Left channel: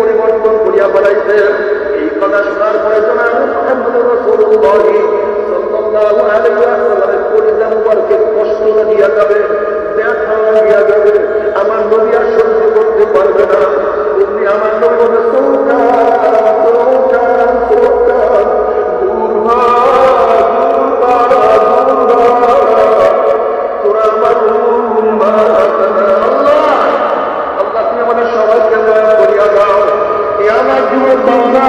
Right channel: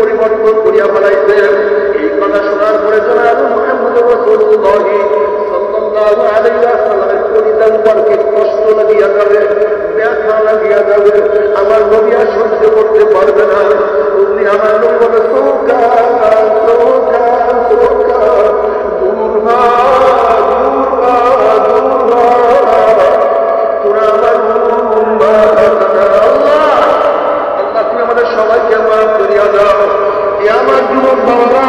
পরিবর্তন করিয়া ফেলাইছে। এই কথা শোনার পরে জনাব মুহাম্মদ রাসূলুল্লাহ সাল্লাল্লাহু আলাইহি ওয়াসাল্লামের কলিজা মুবারকে কষ্ট লাগিয়া যাবে, ব্যথা লাগিয়া যাবে, আমার নবী আর সহ্য করতে পারবে না। উনি আমার নবী বলে সৌকা সৌকা সৌকা, দূর হ দূর হ দূর হ, তোরা আমার উম্মত না। আল্লাহ আল্লাহ তুমি আমাদের সবাইকে মাফ করিয়া দাও। আমার যুবক বাবারা,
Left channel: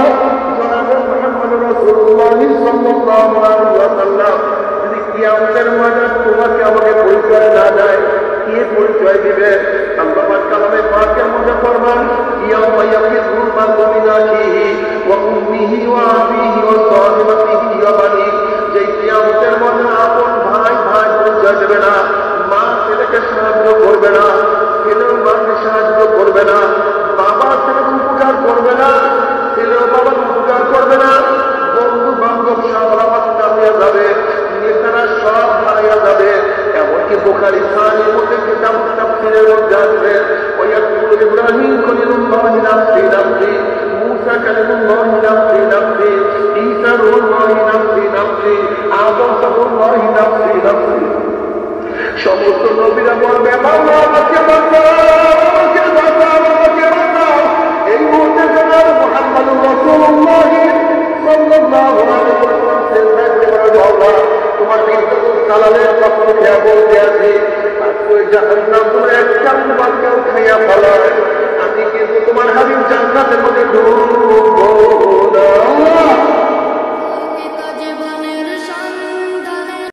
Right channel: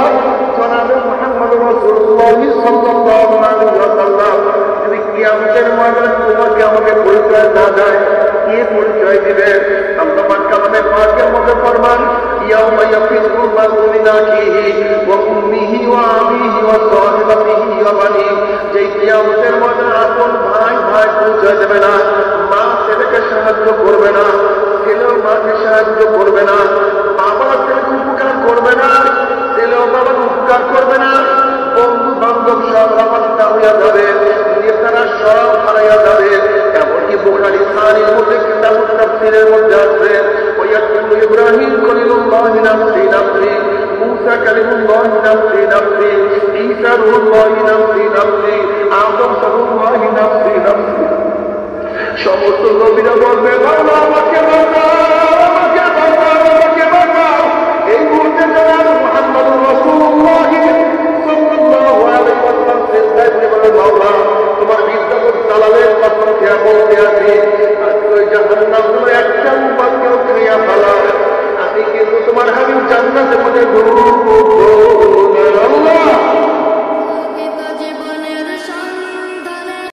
জনাবে মুহাম্মদ রাসূলুল্লাহ সাল্লাল্লাহু আলাইহি ওয়াসাল্লাম যদি কিয়ামতের ময়দানে তোমাকে আমাকে পরিচয় না দেয়, কে পরিচয় দিবে? আল্লাহ পাক কালামে পাকের মধ্যে ফরমান, ইয়াউমা ইয়াফিরুল মারউ মিন আখিহি ওয়া উম্মিহি ওয়া আবিহি ওয়া সাহিবাতিহি ওয়া বানিহি, যে কিয়ামতের ময়দানে আপন ভাই ভাই পরিচয় দেবে না, মা ছেলেকে সাহায্য করবে না, ছেলেও মাকে সাহায্য করবে না, বাবা ছেলেকে উপকার করবে না, ছেলেও বাবাকে উপকার করবে না, বন্ধু বান্ধব সব রামাত্তা হইয়া যাবে, নেতারা সব হারাইয়া যাবে। এমনকি বুখারী সাহির মধ্যে কিতাবুত তাফসীরের মধ্যে আছে, ওয়ায়াকুলু ইব্রাহিম খলিলুল্লাহি নাফসি নাফসি, মূসা কালিমুল্লাহি নাফসি নাফসি, ঈসা রূহুল্লাহি নাফসি নাফসি, আদম সাফুল্লাহি নাফসি নাফসি। সমস্ত নবীরা বলবে, মাওলা আমাকে বাঁচাও, আমাকে বাঁচাও, আমাকে বাঁচাও। এই মুহূর্তে জনাব মুহাম্মদুর রাসূলুল্লাহ সাল্লাল্লাহু আলাইহি ওয়াসাল্লাম সিজদায় পড়ে বলে, মাওলা তোমার ইজ্জত জালালের কসম খেয়ে বলতে আছি, আজকে ওই